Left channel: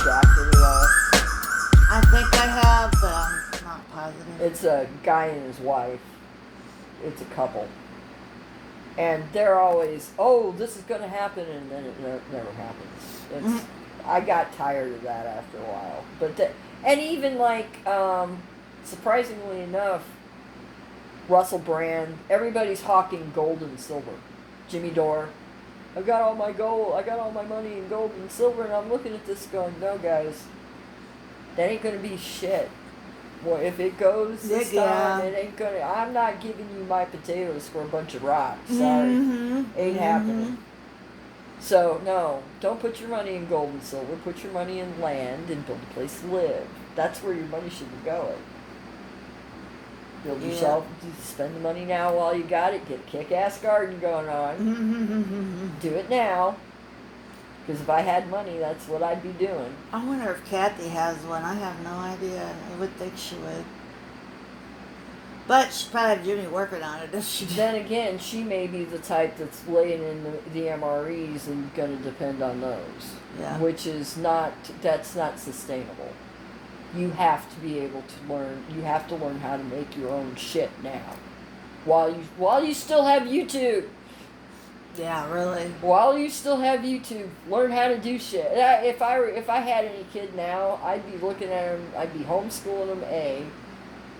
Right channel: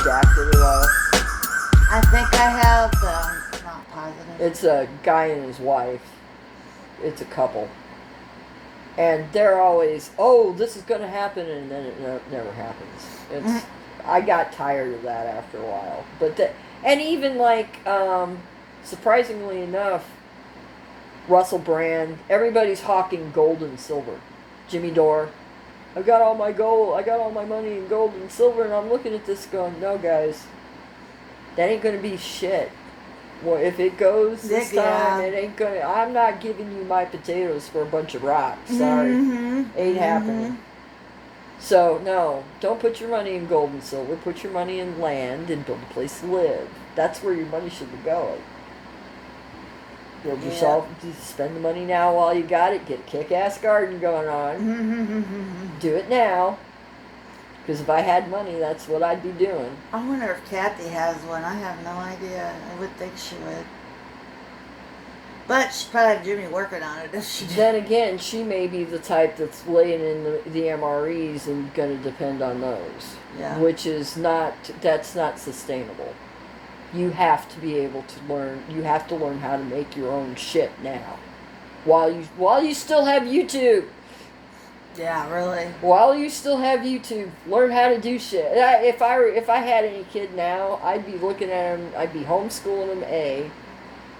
adapted at all? I think I have, but I'm not positive. It's a guy and his wife. It's a couple. And they're always, oh, this is going to happen, and then it never happens. It's, I got tired of that after a while. And even like, surprisingly enough, Russell Brand, everybody's hawking gold and silver. Jimmy Dore, I got all my gold, I got all my money in gold and silver, and I'm looking at this going, no, guys, that ain't going to be shit. Well, if it goes this time, it ain't gonna. I'm not giving you my potatoes for a bunch of rocks. Sorry, ain't happening. So no, don't put your money in gold and silver. Put your money in land and build a place to live. That's where your money should be going. Build yourself. Spend the money now while you got it. Get a kick-ass garden going on. Do it now. Because if I had money, that's what I'd be doing. I wonder if Kathy has one. I have no idea. I would think she would. But she'd probably have Jimmy working on it if she did. Then again, she may be the type that's laying in the MREs and going to depend on those. Yeah. Which is not, that's not sustainable. You have to be able to learn, you have to learn how to make your own shit now. While you still have YouTube. Yeah, really. While you still have YouTube, learn how to do shit. If I had any kid now, I'd be looking at him. I'd be homeschooling him, A,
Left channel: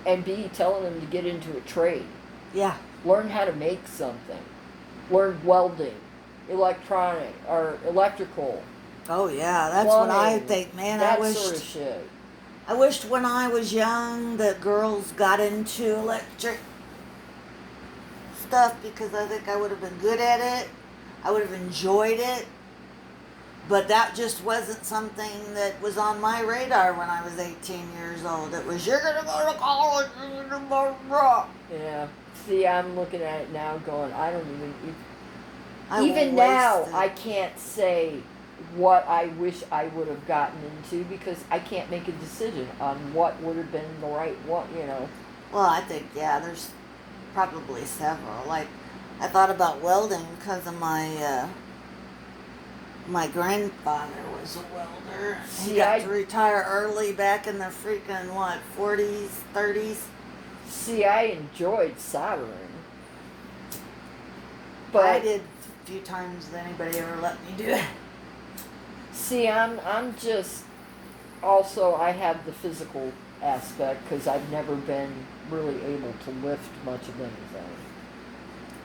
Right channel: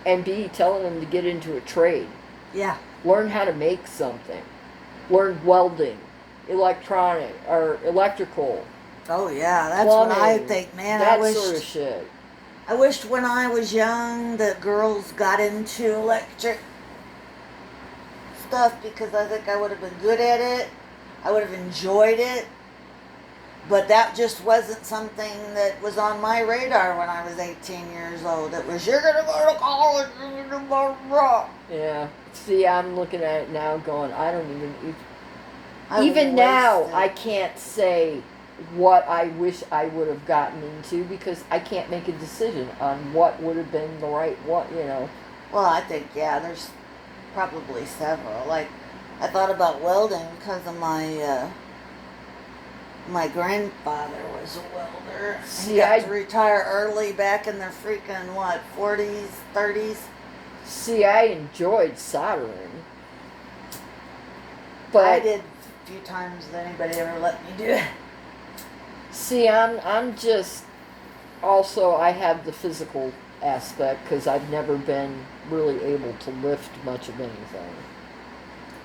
and B, telling him to get into a trade. Yeah. Learn how to make something. Learn welding, electronic or electrical. Oh yeah, that's plumbing, what I think, man. That sort of shit. I wished when I was young that girls got into electric stuff because I think I would have been good at it. I would have enjoyed it. But that just wasn't something that was on my radar when I was 18 years old. It was, you're going to go to college, you're going to blah, blah. Yeah. See, I'm looking at it now going, I don't even now, I can't say what I wish I would have gotten into because I can't make a decision on what would have been the right one, you know. Well, I think, yeah, there's probably several. Like, I thought about welding because of my grandfather was a welder. He got to retire early back in the freaking, 40s, 30s? See, I enjoyed soldering. But I did a few times than anybody ever let me do it. See, I'm just, also I have the physical aspect because I've never been really able to lift much of anything.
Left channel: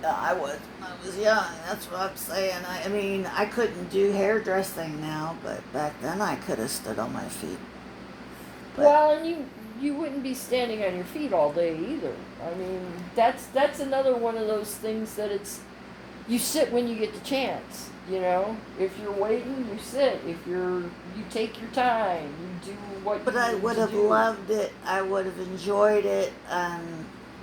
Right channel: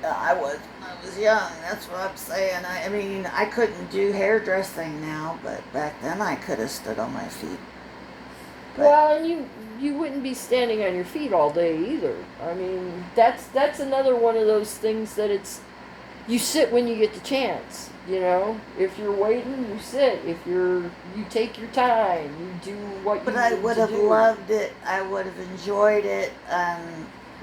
I was when I was young, that's what I'm saying. I mean, I couldn't do hairdressing now, but back then I could have stood on my feet. But, well, and you wouldn't be standing on your feet all day either. I mean, that's another one of those things that it's, you sit when you get the chance, you know? If you're waiting, you sit. If you take your time, you do what you need to do. But I would have loved it. I would have enjoyed it.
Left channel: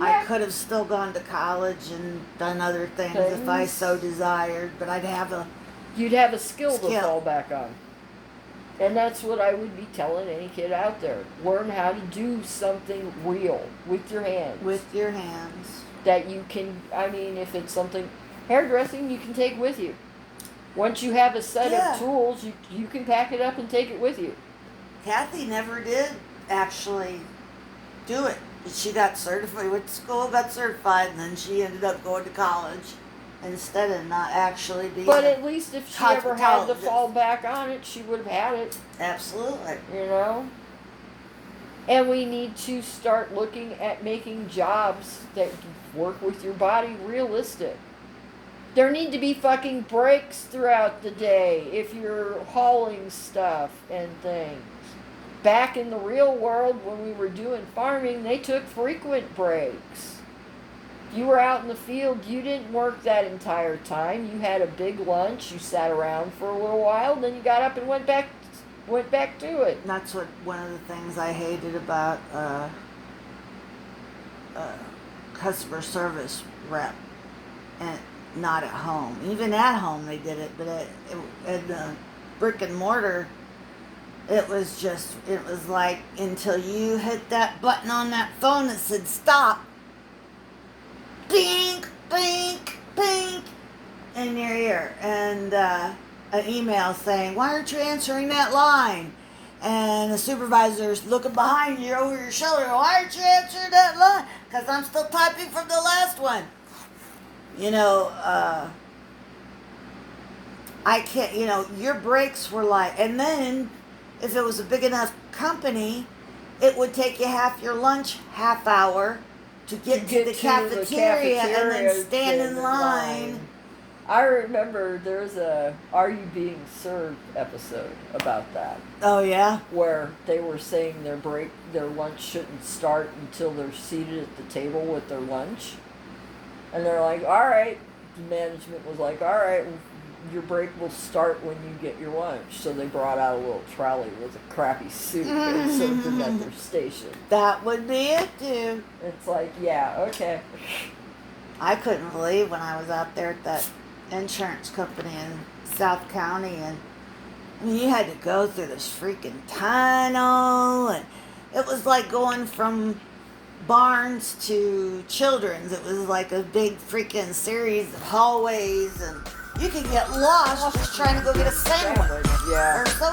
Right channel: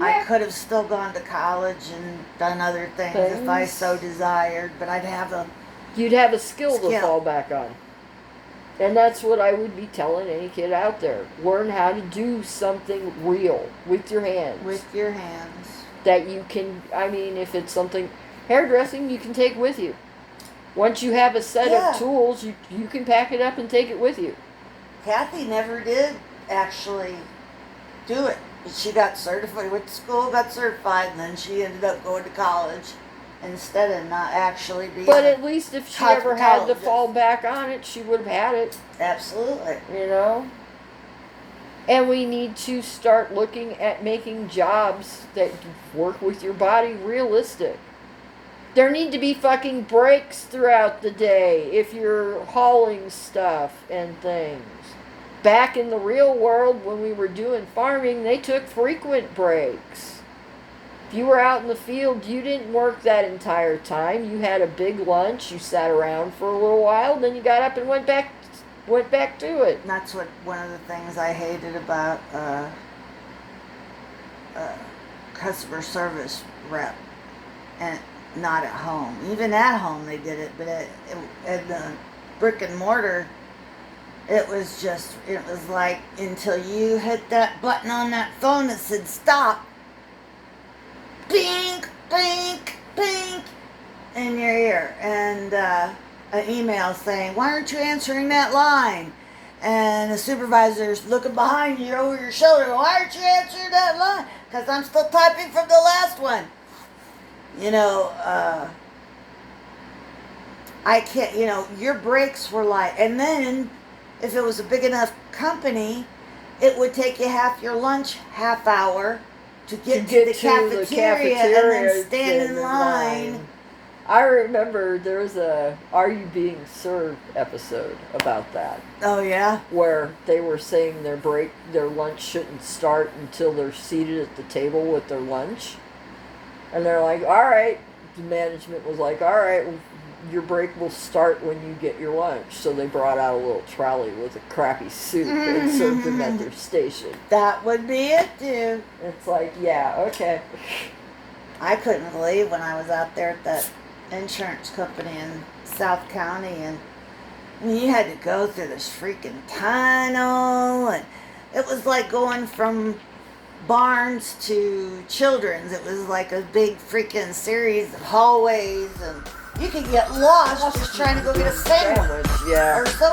I could have still gone to college and done other things if I so desired, but you'd have a skill to fall back on. And that's what I would be telling any kid out there. Learn how to do something real with your hands. With your hands. That you can, I mean, if it's something, hairdressing you can take with you. Once you have a set of tools, you can pack it up and take it with you. Kathy never did actually do it. She got certified, went to school, got certified, and then she ended up going to college instead of not actually being. But at least if she ever had to fall back on it, she would have had it. Absolutely. You know? And we need to start looking at making jobs that work with your body realistic. There need to be fucking breaks throughout the day if you're hauling stuff and things. Back in the real world, when we were doing farming, they took frequent breaks. If you were out in the field, you didn't work that entire time. You had a big lunch, you sat around for a little while, then you got up and went back to it. And that's what one of the things I hated about customer service rep, and not at home. Even at home they did it, but at the brick and mortar, it was like until you hit that button on that phone that said stop, bink, bink, bink, in your ear, and an email saying, why aren't you answering that line? and the supervisor's looking behind you over your shoulder. Why aren't you answering that line? Because I'm still typing from the last one. You know, I can't, you know, your breaks were like, and then if it was a big enough company, it would take you half your lunch, half hour to get to the cafeteria and then stand in line. I remember there was a Are You Being Served episode about that. Oh, yeah? Where they were saying their lunch shouldn't start until they're seated at the table with their lunch. And they're like, all right. The management was like, all right, well, your break will start when you get your lunch. So they brought out a little trolley with a crappy soup and served them at their station. That would be it, too. It's like, yeah, okay. I couldn't believe when I was out there at that insurance company in South County, and I mean, you had to go through this freaking tunnel, and it was like going from Barnes to Children's. It was like a big freaking series of hallways, and you could get lost just trying to go get a sandwich Yeah. or soda